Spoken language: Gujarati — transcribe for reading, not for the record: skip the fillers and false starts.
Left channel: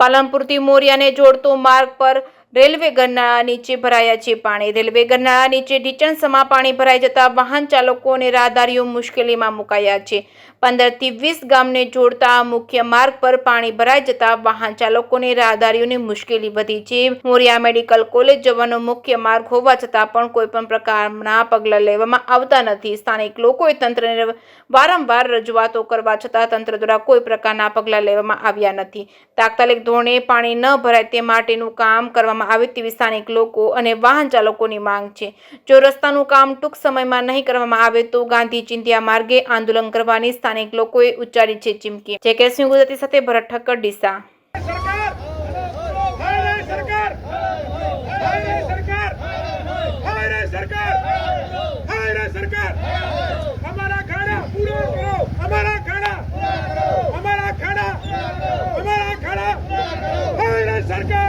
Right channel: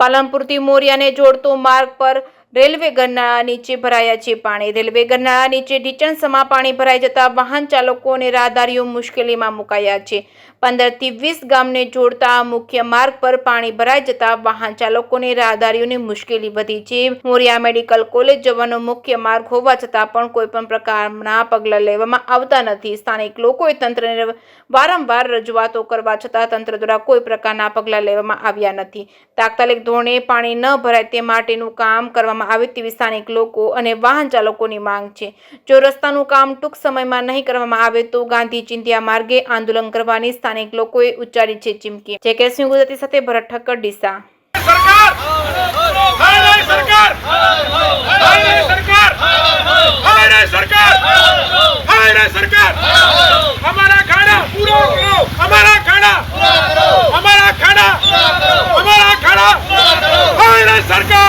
પાલનપુરથી મોરિયાને જોડતો માર્ગ પર રેલવે ગરનાળા નીચે ભરાયા છે પાણી। રેલવે ગરનાળા નીચે ઢીચણસમાં પાણી ભરાઈ જતા વાહન ચાલકો અને રાહદારીઓ મુશ્કેલીમાં મુકાયા છે। 15 થી 20 ગામને જોડતા આ મુખ્ય માર્ગ પર પાણી ભરાઈ જતા વાહન ચાલકો અને રાહદારીઓની મુશ્કેલી વધી છે। મોરિયા મેડિકલ કોલેજ જવાનો મુખ્ય માર્ગ હોવા છતાં પણ કોઈ પણ પ્રકારના પગલાં લેવામાં આવતા નથી। સ્થાનિક લોકોએ તંત્રને વારંવાર રજૂઆતો કરવા છતાં તંત્ર દ્વારા કોઈ પ્રકારના પગલાં લેવામાં આવ્યા નથી। તાત્કાલિક ધોરણે પાણી ન ભરાય તે માટેનું કામ કરવામાં આવે તેવી સ્થાનિક લોકો અને વાહન ચાલકોની માંગ છે। જો રસ્તાનું કામ ટૂંક સમયમાં નહીં કરવામાં આવે તો ગાંધી ચિંધ્યા માર્ગે આંદોલન કરવાની સ્થાનિક લોકોએ ઉચ્ચારી છે ચીમકી। જેકેએસન્યૂઝ ગુજરાતી સાથે ભરત ઠક્કર, ડીસા। सरकार